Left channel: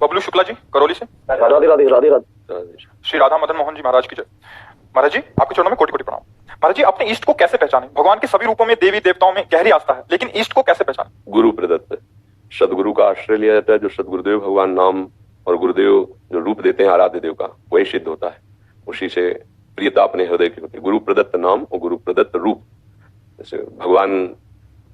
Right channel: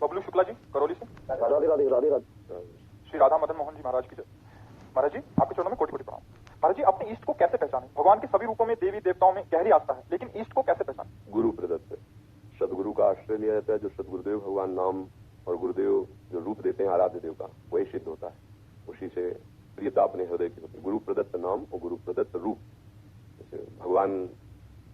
बबलू शुक्ला जी करौली से। राधे राधे राधे राधे। श्री राधा मदन मोहन जी महाराज की जय। महाराज जी आपके चरणों में कोटि कोटि प्रणाम। महाराज जी अपने इष्ट को कैसे पहचाने? भगवान के सभी रूपों में देवी देवताओं में गहरी आस्था है, लेकिन इष्ट को कैसे पहचाने? गुरु प्रदत्त सदगुरु का आश्रय लिया जाता है। जो सदगुरुदेव भगवान नाम और गुरुदेव जो रूप देते हैं आराध्य देव का, वही सिद्ध होता है। उसी से प्रियता अपने हृदय की होती है। गुरु प्रदत्त नाम और गुरु प्रदत्त रूप। जैसे भगवान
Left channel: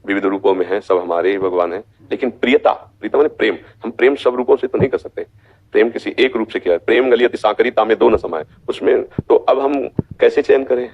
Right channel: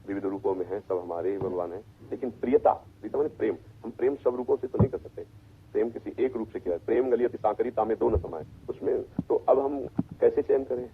विविध रूपों में है, सब हमारे ही भगवान है, लेकिन प्रियता, प्रीता माने प्रेम। हम प्रेम सब रूपों से तो नहीं कर सकते। प्रेम किसी एक रूप से किया है। प्रेम गली अति सांकरी तामे दो न समाये, उसमें तो अब हम कैसे चयन करें?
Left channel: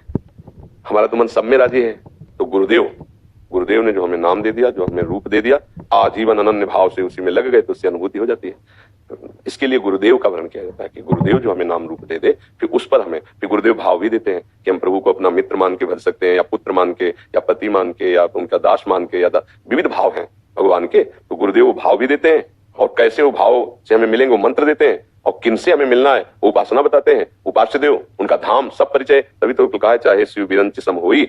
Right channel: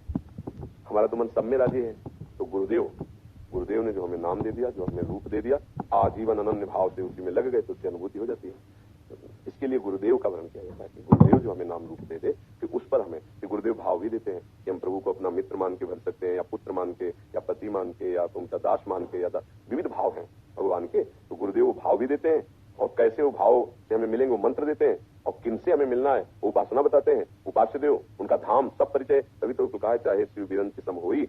हमारा तो मन सब में राजी है। तो गुरुदेव ने जो हमें नाम दे दिया, जो हमें रूप दे दिया, आजीवन अनन्य भाव से उसी में लग गए तो उससे अनुभूति हो जाती है। इसके लिए गुरुदेव का वर्णन किया जाता है कि गुरुदेव जो हमें नाम रूप दे दे, फिर उस पर हमें फिर गुरुदेव भाव भी देते हैं कि हम प्रभु को अपना मित्र मान के भर सकते हैं, या पुत्र मान के, या पति मान के, या उनका दास मान के, या विविध भाव हैं भगवान के। तो गुरुदेव वो भाव भी देते हैं, और कैसे वो भाव से हमें मिलेंगे वो मंत्र देते हैं, और किनसे हमें मिलना है वो उपासना बताते हैं। उपास्य देव, उनका धाम, सब परिचय। तभी तो कहा है चाहे शिव बिरंच सम होई,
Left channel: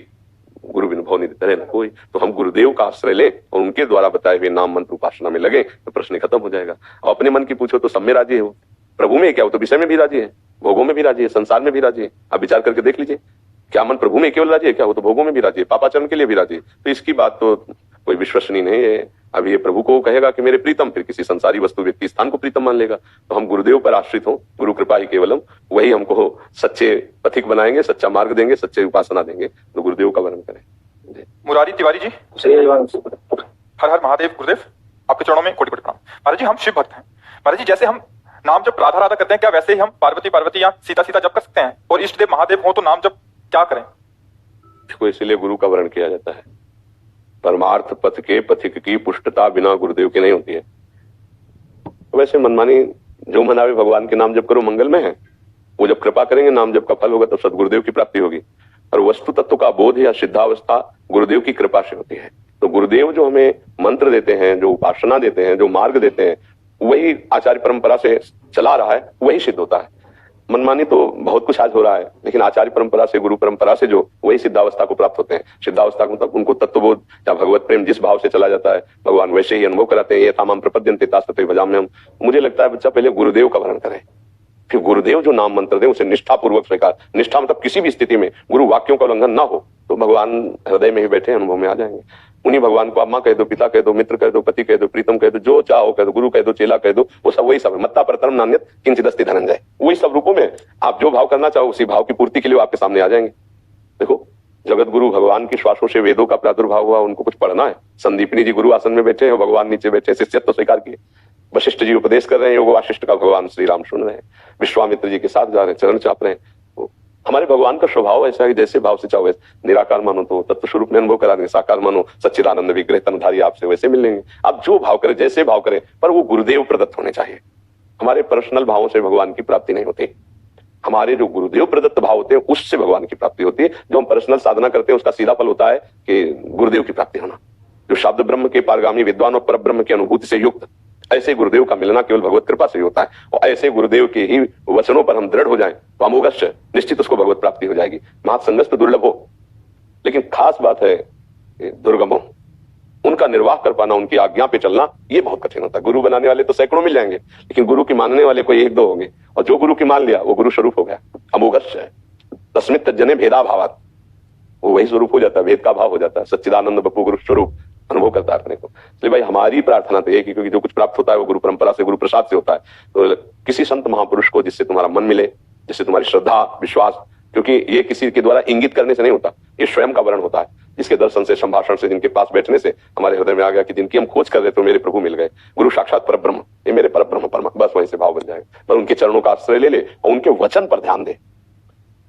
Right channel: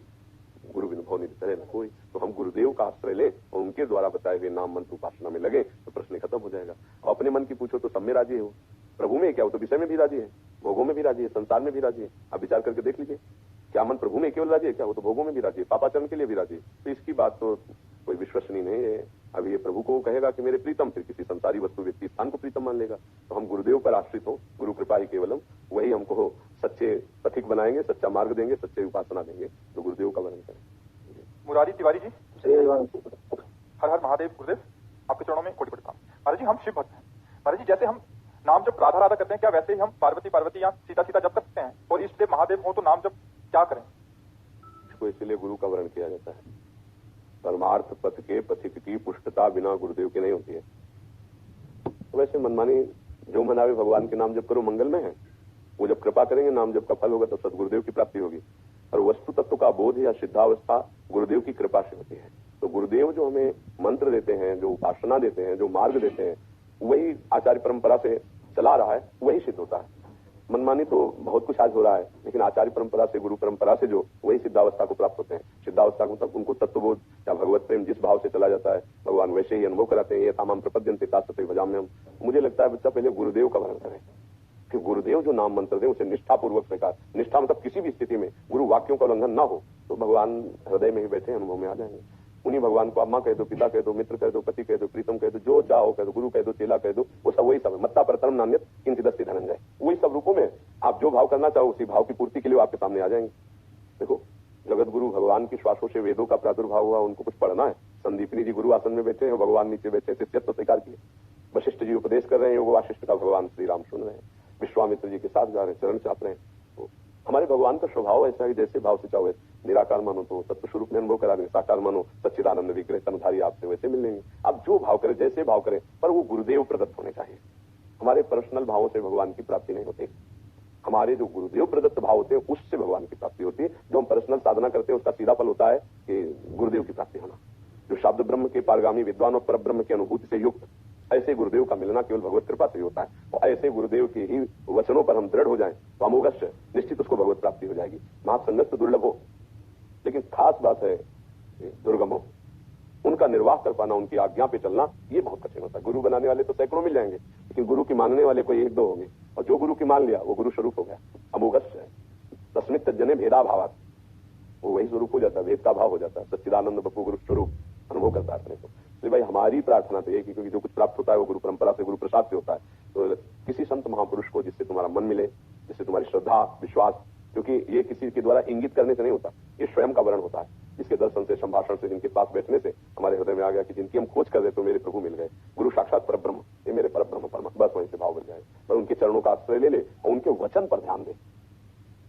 गुरु बिन भव निधि तरे न कोई। तो हम गुरुदेव का आश्रय लें और उनके द्वारा बताए हुए नाम मंत्र उपासना में लगे तो प्रश्न खत्म हो जाएगा। और अपने मन की पूछो तो सब में राजी है वो। प्रभु में क्या हो तो विषय में भी राजी है, भोगों में भी राजी है, संसार में भी राजी है। आप विचार करके देख लीजिए, क्या मन प्रभु में केवल राजी है? क्या हो तो भोगों में भी राजी है, पापाचरण के लिए भी राजी है। तो इसकी बात तो कोई विश्वसनीय नहीं है। अब ये प्रभु को कहेगा कि मेरे प्रीतम, फिर किसी संसारी वस्तु व्यक्ति स्थान को प्रीतम मान लेगा। तो हम गुरुदेव पर आश्रित हो, गुरु कृपा ही केवलम, वही हमको सच्चे पथिक बनाएंगे, सच्चा मार्ग देंगे, सच्चे उपासना देंगे। तो गुरुदेव का वर्णन करें। मुरारी तिवारी जी, हर हर महादेव। गुरुदेव आपके चरणों में कोटि कोटि प्रणाम। महाराज जी हम शिव भक्त हैं। महाराज जी जैसे हम नाम जब राधा राधा करते हैं, क्या वैसे ही हम पार्वती पार्वती या सीता सीता जप कर सकते हैं? और इष्ट देव महादेव हो तो नाम जप क्या करें? देखो, इसलिए गुरु का वर्णन किया जाता है। परमार्थ पथ के पथिक की पुष्टता बिना गुरुदेव की नहीं होती है। वैसे मनमानी जो मनावे भगवान के नाम जप करो मंगल में है। वो जब कृपा करेंगे, नाम जप का फल होगा, तब सदगुरुदेव की प्राप्ति होगी। और वस्तु तत्व का बोध या सिद्धावस्था गुरुदेव की कृपा से होती है। तो गुरुदेव जो हमें मंत्र देते हैं, जो उपासना देते हैं, जो मार्ग देते हैं, वही आचार्य परंपरा से चला रहा है, वही सिद्ध होता है। मनमानी तो बहुत कुछ आज हो रहा है, लेकिन आचार्य परंपरा से, गुरु परंपरा से जो वही सिद्धावस्था को प्राप्त होते हैं। सिद्धावस्था को मतलब उनको तत्वबोध या भगवत प्रेम जिस भाव से चला जाता है, भगवान वैसे ही अनुभव कराते हैं। ये तामाम प्रपद्यन्ते तास्तते भजाम्यहम्। मुझे लगता है बच्चा पहले गुरुदेव का वर्णन करें, फिर गुरुदेव जो नाम मंत्र दे उसे निष्ठा पूर्वक स्वीकार। निष्ठा मतलब किसी भी स्थिति में गुरु वाक्यों का उल्लंघन ना हो, तो भगवान हृदय में ही बैठे अनुभव में आ जाएंगे। उन्हीं भगवान को अम्मा कह दो, पिता कह दो, मित्र कह दो, पति कह दो, प्रीतम कह दो, जो चाहो कह दो, गुरु कह दो, चेला कह दो, वो सब वही सब है। मत्ता परतरम नान्यत् किंचित् अस्ति धनंजय। वही सब रूपों में आप जो भाव करना चाहो उसी भाव की पूर्ति के लिए आपके सामने आ जाएंगे। देखो, जगत गुरु भगवान की श्वासों से वेदों का प्रादुर्भाव हुआ, उनको कुछ पढ़ना है। संदीपनी जी गुरु आसन में बैठे हैं, भगवान नीचे बैठे, शिष्यत्व स्वीकार किए। वशिष्ठ जी उपदेश कर रहे हैं, योग वाशिष्ठ का भगवान श्री राम सुन रहे हैं। विश्वामित्र जी के साथ जा रहे हैं, चरण चाप रहे हैं। हमारे भगवान का स्वभाव ऐसा है, जैसे भाव से चाहो वैसे। निराकार मानो तो तत्व स्वरूप में अनुभव करा देंगे, साकार मानो सच्चिदानंद विग्रह तनधारी आपसे वैसे मिल लेंगे। आप जो भाव करें, जैसे भाव करें, पर वो गुरुदेव प्रदत्त होने चाहिए। हमारे पर्सनल भावों से भगवान की प्राप्ति नहीं होती। हमारे जो गुरुदेव प्रदत्त भाव होते हैं उससे भगवान की प्राप्ति होती है। जो हम पर्सनल साधना करते हैं उसका सीधा फल होता है कि गुरुदेव की प्राप्ति होना। जो शब्द ब्रह्म के पारगामी विद्वान और परब्रह्म की अनुभूति से युक्त, ऐसे गुरुदेव का मिलना केवल भगवत कृपा से ही होता है। और ऐसे गुरुदेव के ही वचनों पर हम दृढ़ हो जाएं तो अमोघश्च निश्चित उसको भगवत प्राप्ति हो जाएगी। महासंगस तो दुर्लभ हो, लेकिन खास बात है दुर्गमो, उनका निर्वाह कर पाना, उनकी आज्ञा पे चलना, ये बहुत कठिन होता है। गुरु बनाने वाले तो सैकड़ों मिल जाएंगे, लेकिन गुरु की मानने वाले कोई एक दो होंगे। और जो गुरु की मान लिया वो गुरु स्वरूप हो गया। अमोघश्च तस्मित् तज्जने भेदा भावात्, वो वही स्वरूप हो जाता है, भेद का भाव हो जाता है। सच्चिदानंद बपू गुरु स्वरूप अनुभव करता है अपने को। इसलिए भाई हमारी प्रार्थना तो एक ही, क्योंकि जो कुछ प्राप्त होता है वो गुरु परंपरा से, गुरु प्रसाद से होता है। तो किसी संत महापुरुष को जिससे तुम्हारा मन मिले, जिससे तुम्हारी श्रद्धा विश्वास, क्योंकि ये किसी के द्वारा इंगित करने से नहीं होता, ये स्वयं का वर्ण होता है। जिसके दर्शन से, संभाषण से, जिनके पास बैठने से हमारे हृदय में आ गया कि जिनकी हम खोज कर रहे थे मेरे प्रभु मिल गए, गुरु साक्षात परब्रह्म, ये मेरे परब्रह्म परमा, बस वहीं से भाव बन जाएगा। पर उनके चरणों का आश्रय ले ले और उनके वचन पर ध्यान दे।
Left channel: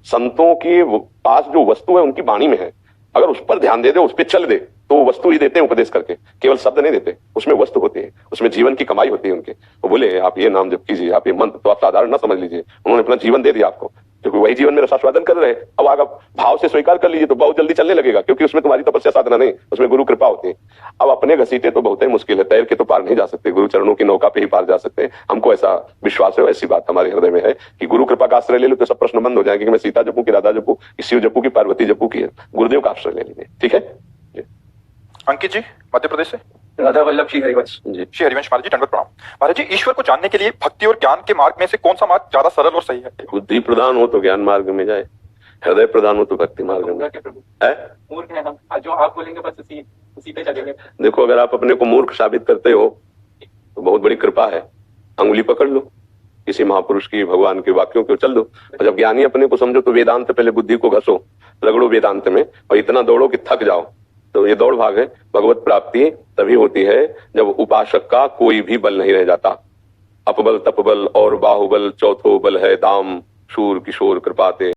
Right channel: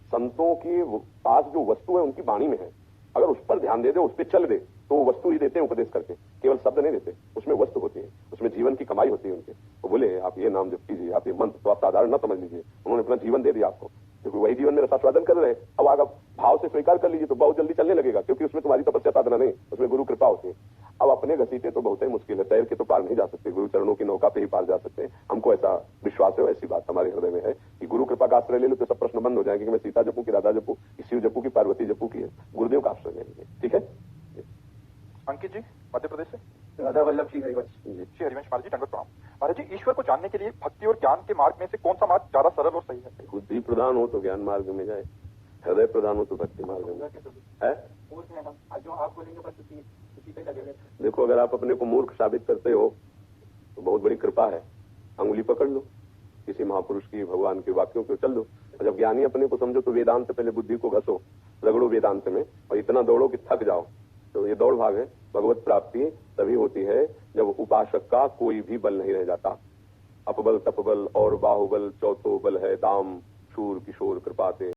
संतों के पास जो वस्तु है उनकी वाणी में है, अगर उस पर ध्यान दे दे, उस पर चल दे, तो वो वस्तु ही देते हैं उपदेश करके, केवल शब्द नहीं देते। उसमें वस्तु होती है, उसमें जीवन की कमाई होती है उनके। वो बोले आप ये नाम जप कीजिए, आप ये मंत्र, तो आप साधारण ना समझ लीजिए, उन्होंने अपना जीवन दे दिया आपको, क्योंकि वही जीवन में रसास्वादन कर रहे हैं। अब अगर भाव से स्वीकार कर लीजिए तो बहुत जल्दी चलने लगेगा, क्योंकि उसमें तुम्हारी तपस्या साधना नहीं, उसमें गुरु कृपा होती है। अब अपने घसीटे तो बहुत ही मुश्किल है, तैर के तो पार नहीं जा सकते, गुरु चरणों की नौका पे ही पार जा सकते हैं। हमको ऐसा विश्वास है, ऐसी बात हमारे हृदय में है कि गुरु कृपा का आश्रय ले लो तो सब प्रश्न बंद हो जाएंगे कि मैं सीता जपू की, राधा जपू की, शिव जपू की, पार्वती जपू की। गुरुदेव का आश्रय ले लीजिए, ठीक है। अंकित जी मध्य प्रदेश से। राधा वल्लभ श्री हरिवंश जी। श्री हरिवंश महाराज जी, दंडवत प्रणाम। महाराज जी, ईश्वर को जानने के लिए भक्ति और ज्ञान के मार्ग में से कौन सा मार्ग ज्यादा सरल और सही है? बुद्धि प्रधान हो तो ज्ञान मार्ग में जाए, हृदय प्रधान हो तो भक्ति मार्ग में है। मूर्ख हैं हम, जो आप बोलेंगे बस उसी पे चलेंगे। देखो, अगर आप अपने को मूर्ख साबित करते हो तो बहुत बड़ी कृपा है, अंगुली पकड़ लो किसी महापुरुष की, भगवान के वाक्यों को चल दो। और जब ज्ञानी अपने को समझो तो वेदांत पहले बुद्धि को घसो, रगड़ो वेदांत में और इतना दौड़ो कि थक जाओ। तो ये दौड़ भाग है। भगवत प्राप्ति तभी होती है जब उपासक का कोई भी बल नहीं रह जाता। अपबल तपबल और बाहुबल चौथो बल है दाम, शूर किशोर कृपाते।